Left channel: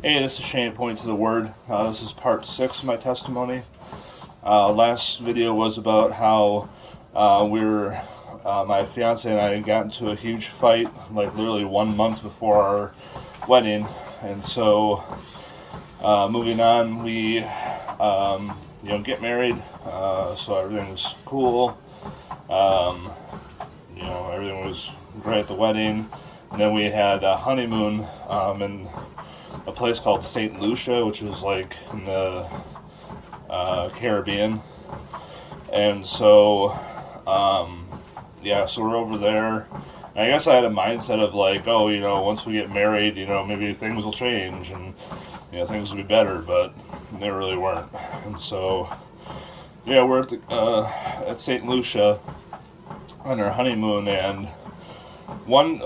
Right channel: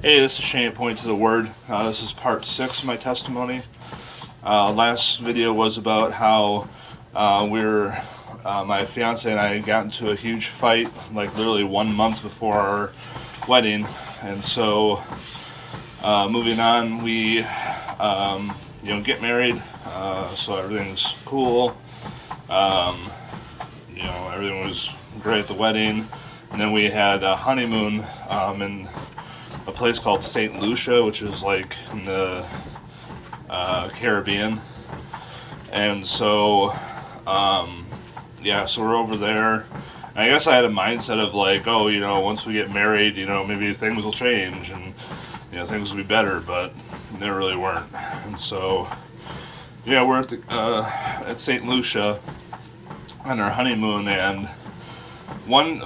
Hey, this is Shane, Point to the Word. This is part 6 of my testimony. Last video was about how my fiance and I got into a huge fight, like literally 1 month before our wedding. And so, moving on, we, get married, so everything's cool. Everything was great at the wedding. And then we had a honeymoon in a place called St. Lucia, which is like in the Caribbean. And so, so we're over there. And I guess I had a mindset of like, once we get married, maybe things will change and, things will be better, but they really weren't. And so, we're at St. Lucia on our honeymoon, and one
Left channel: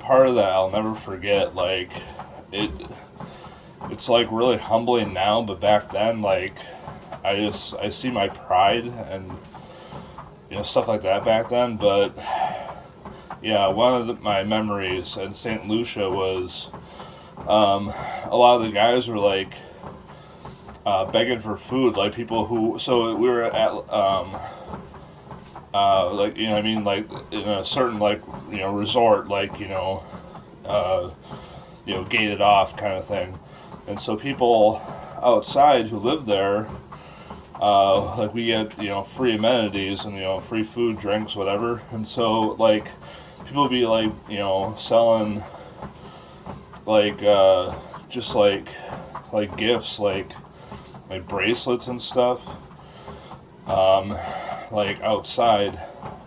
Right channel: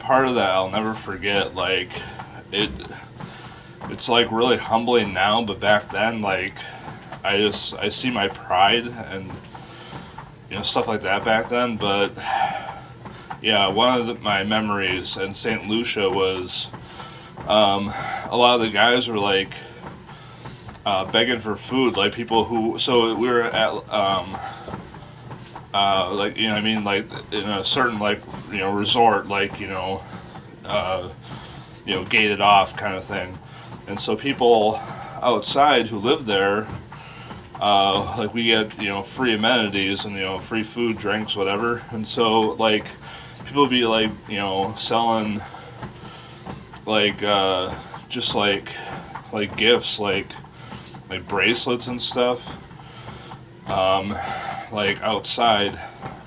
part of that I'll never forget. Like, it's like really humbling now, but back then, like, I see my pride and stuff like that back then. But one of my memories in St. Lucia was a lot of the guys were like begging for food, like people who. So we were at like in a certain resort, gated off kind of thing. And so people outside who live there, we get, free amenities and, free food, drinks, whatever. And so, like, people would be, selling, just, gifts, like bracelets and stuff, outside,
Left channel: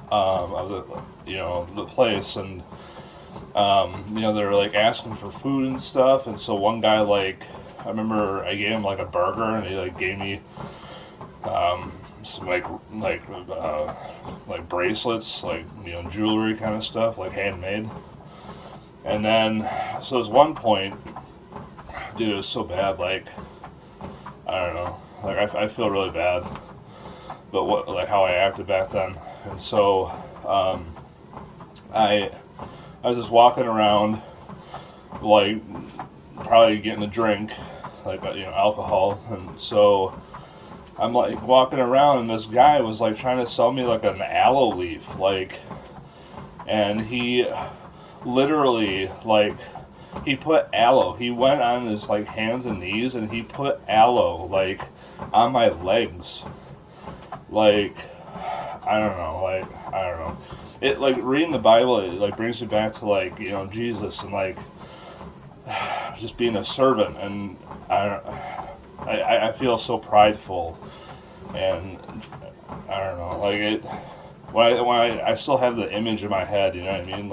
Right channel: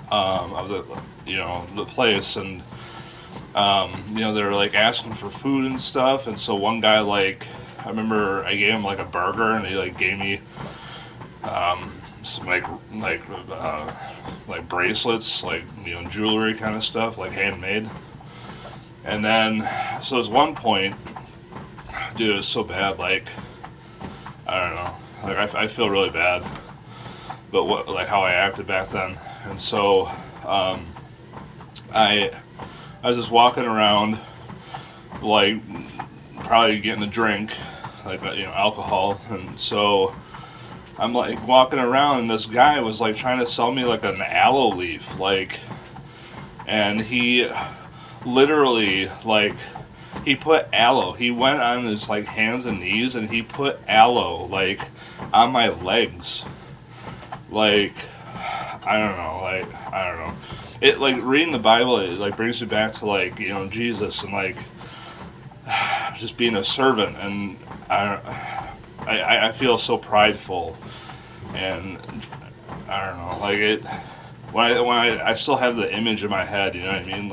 of the place. And, they're like asking for food and stuff. And so one guy, I remember I gave him like a burger, and he gave me some bracelets, jewelry kind of stuff, handmade. And then so there's one point, dude, it was so bad, I don't know, I feel really bad, but how I acted back then. And so I was just walking around, probably getting a drink, alcohol. And so I'm walking around, and this guy was trying to sell me an aloe leaf, and he literally he put aloe. He went on his hands and knees, and he put aloe on my legs. I don't know. It reading the Bible, it brings me back to Jesus and just being a servant, and I feel so prideful, and I don't know, it when I still have the image in my head, you know what I mean?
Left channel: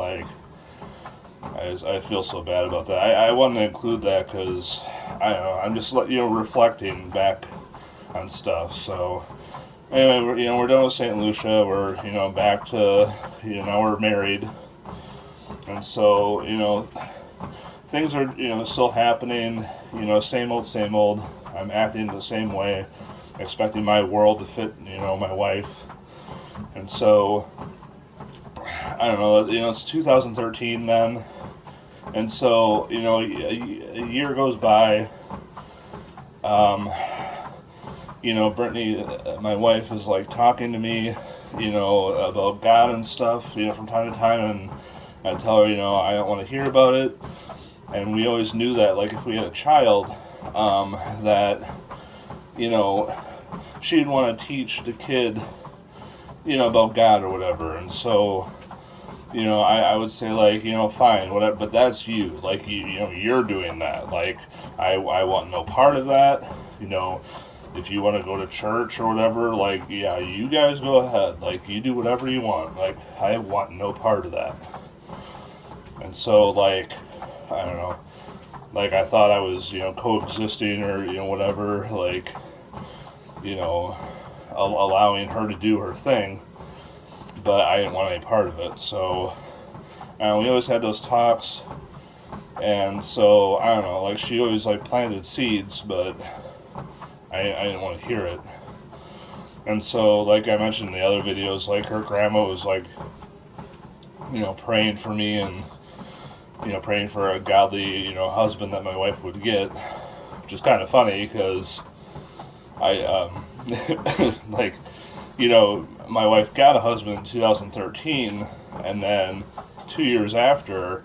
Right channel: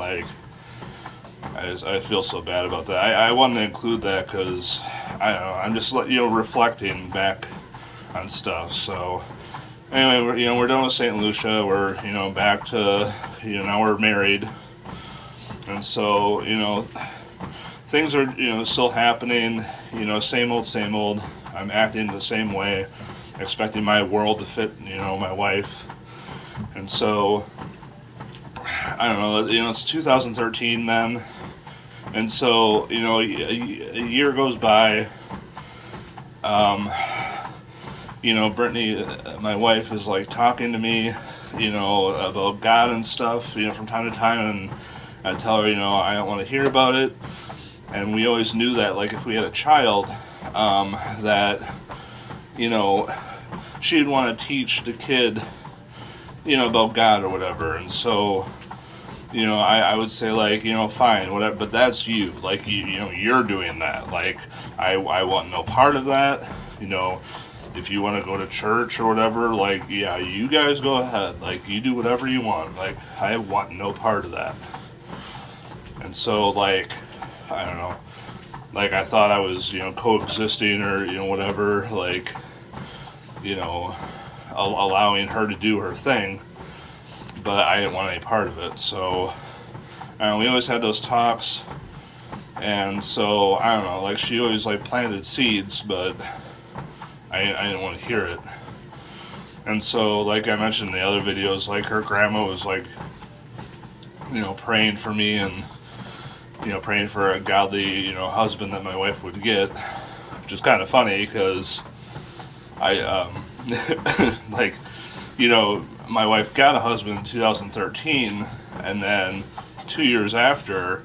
I feel so bad about that. I wanted to include that because I don't know, I'm just reflecting back on stuff. So anyway, we're done with St. Lucia. We're back to now we're married, and so things are still happening. Same old. I'm acting the same way, expecting my world to fit my wife, and so I don't know. It's 2013 then, and so a year goes by. Brittany, my wife, is talking to me, about God and stuff, from time to time, and I tell her, I don't want to hear about it. And we always knew that, if we had a child, that, she'd want to teach the kid, about God or whatever. And so, I would say, fine, whatever, but that's you. You're doing that. I want no part of that, If you want to go to church or whatever, you guys go ahead. You do whatever you want. I want no part of that. And so, I don't know. I thought I was, coexisting or, whatever, allowing her to do her thing. But I didn't want any part of it. So, we always had those talks. And so, I don't know, she always, planted seeds, but I didn't want to hear it. And so, like I mentioned in the other videos, her grandma was, praying for me, and, praying for a godly, husband that my wife would get, which is kind of funny because I, like, my wife got a husband in 2013, and then 2 years after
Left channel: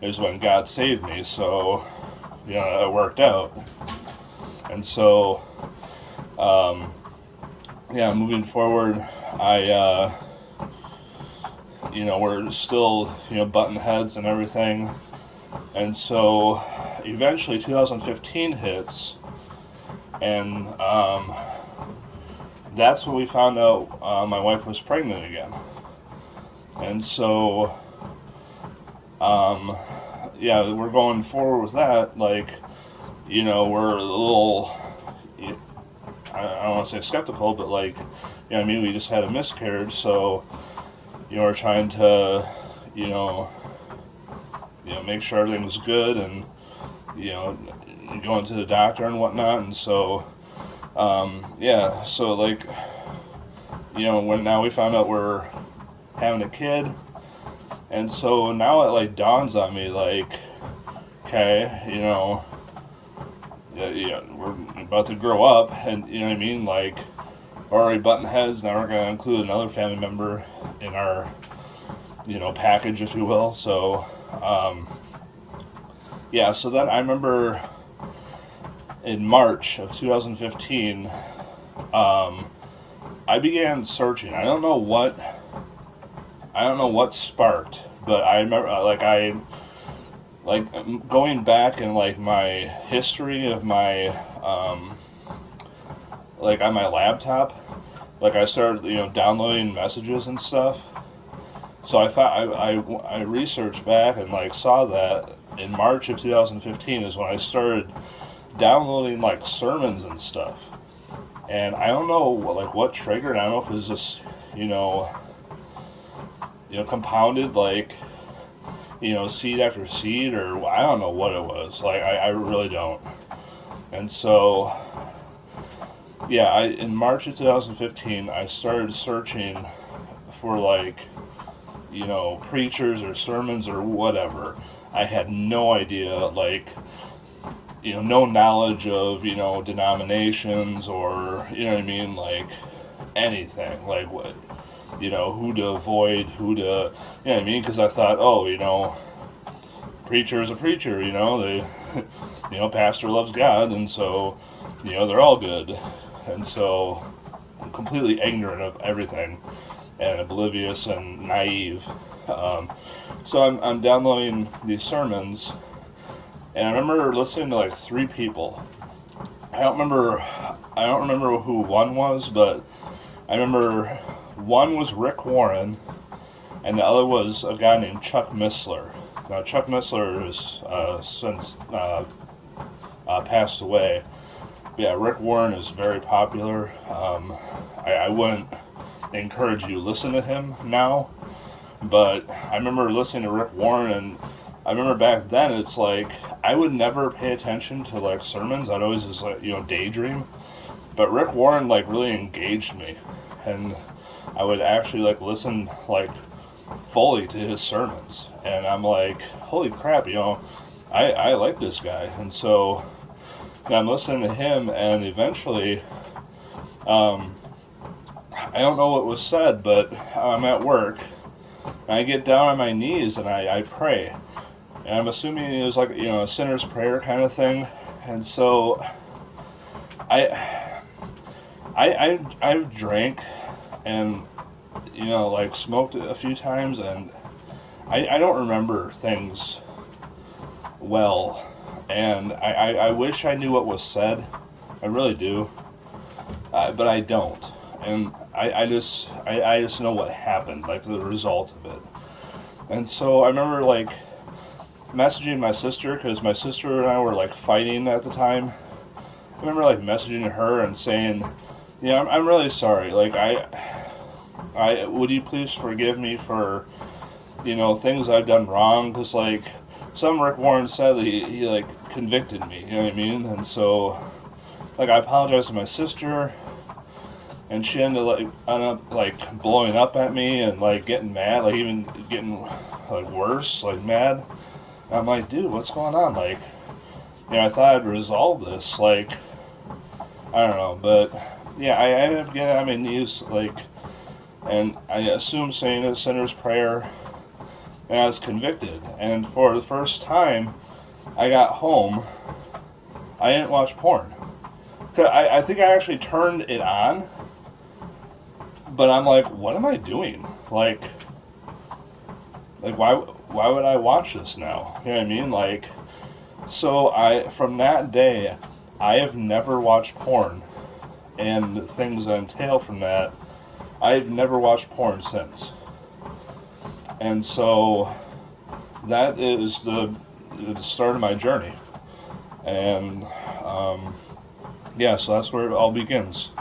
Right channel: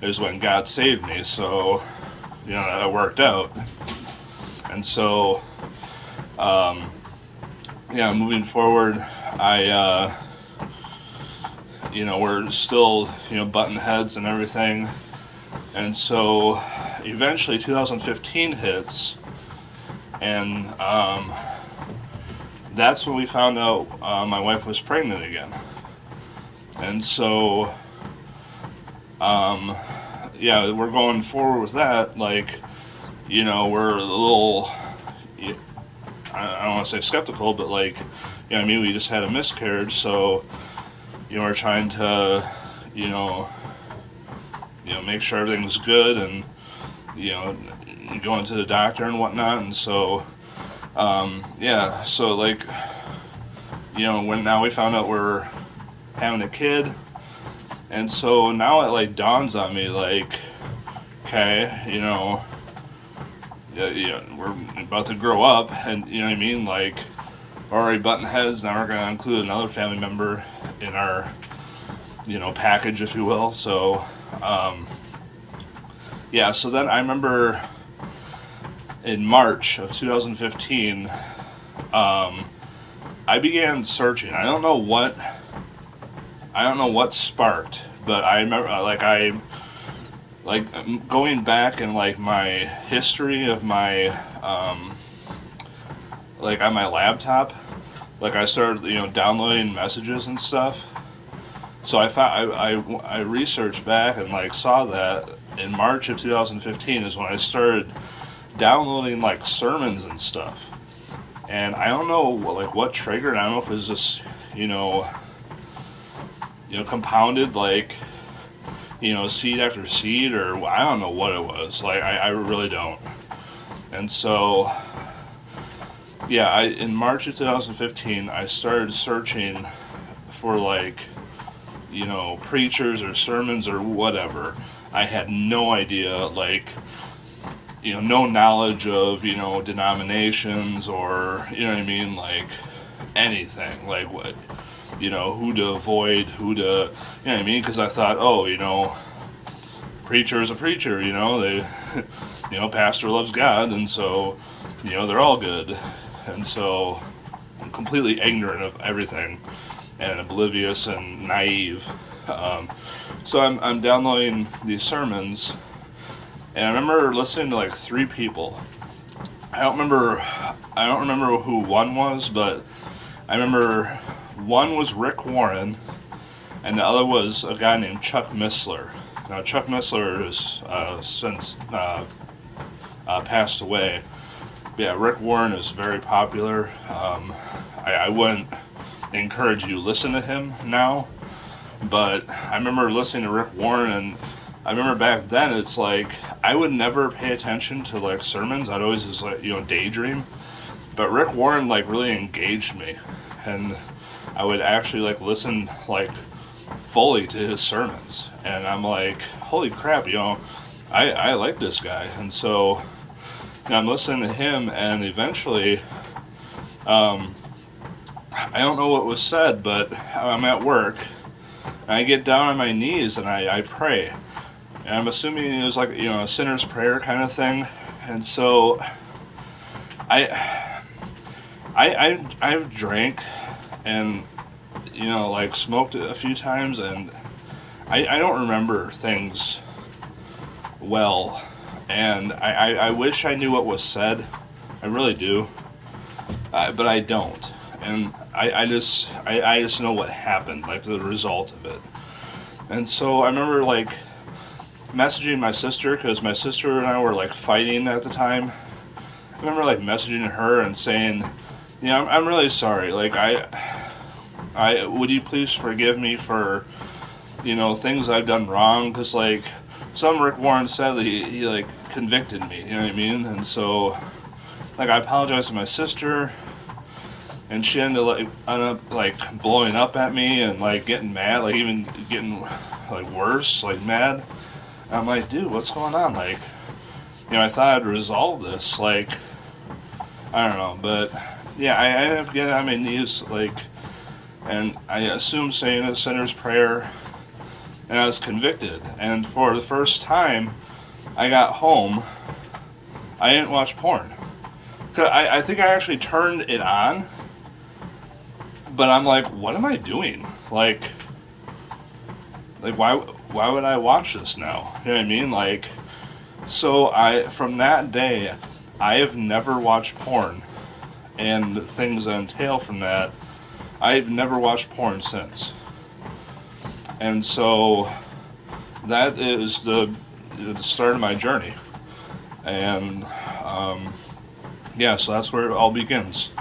is when God saved me, so, it worked out. And so, moving forward, we're still, button heads and everything. And so eventually 2015 hits, and that's when we found out my wife was pregnant again. And so, we're going forward with that. Like, we're a little, I don't want to say skeptical, but like, we just had a miscarriage, so, we're trying to, make sure everything's good, and, going to the doctor and whatnot, and so, so like, when now we found out we're having a kid, and so now it like dawns on me, like, okay, we're about to grow up, and like, we're already button heads, now we're going to include another family member in our, package, if you will. So, so then I remember in March of 2015, I began searching. I don't know what sparked, but I remember, going back in, like, my history of my, on my laptop, like, I started, downloading messages and stuff. So I researched back and, like, saw that in March of 2015 is when I started downloading, like, sermons and stuff. And I don't know, like, what triggered. I don't know if it was just, compounded, like, seed after seed, or I don't know what it was. Like, I really don't. And so, in March of 2015, I started searching for, like, preachers or sermons or whatever. I had no idea, like, no knowledge of, denominations or, like, anything. Like, what, who to avoid, who to, because I thought, preacher is a preacher, they, pastor loves God, and so, they're all good. And so I'm completely ignorant of everything and oblivious and naive. So I'm downloading these sermons, and I remember listening to like 3 people. I don't remember who one was, but I remember one was Rick Warren, and the other was a guy named Chuck Missler. Now, Chuck Missler has since passed away. But yeah, Rick Warren is very popular. I wouldn't encourage you to listen to him now, but I remember listening to Rick Warren, and I remember back then it's like I would never pay attention to like sermons. I'd always just like daydream. But Rick Warren like really engaged me, and I would actually like listen like fully to his sermons, and I'm like, holy crap, I like this guy. And so I'm listening to him, and eventually, I don't know what was said, but I'm at work, and I get down on my knees and I pray, and I'm assuming it was like a sinner's prayer kind of thing. And so I've drank and like smoked a few times, and I don't remember things well, and I wish I knew what was said. I really do, but I don't. And I just know what happened, like the result of it. And so I remember like messaging my sister, because my sister and I were like fighting at the time. I remember like messaging her and saying, I'm really sorry. Like I would you please forgive me for things I've done wrong? Because like some Rick Warren said, he like convicted me. You know what I mean? And so like I apologized to my sister. And she ended up like blowing up at me and like getting mad, like even getting like worse, like mad. And I'm like, dude, what's going on? Like, I thought I'd resolve this. Like, I don't know, but yeah, I ended up getting on my knees, like, and I assumed saying a sinner's prayer, and I was convicted. And for the first time, I got home, I didn't watch porn. 'Cause I think I actually turned it on, but I'm like, what am I doing? Like why would I watch this now? You know what I mean? Like, so from that day, I have never watched porn, and the things that entail from that, I've never watched porn since. And so that is the start of my journey. And yeah, so that's where it all begins.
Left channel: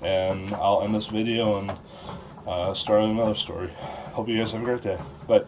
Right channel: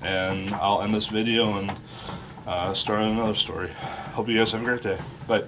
And I'll end this video and start another story. Hope you guys have a great day. Bye.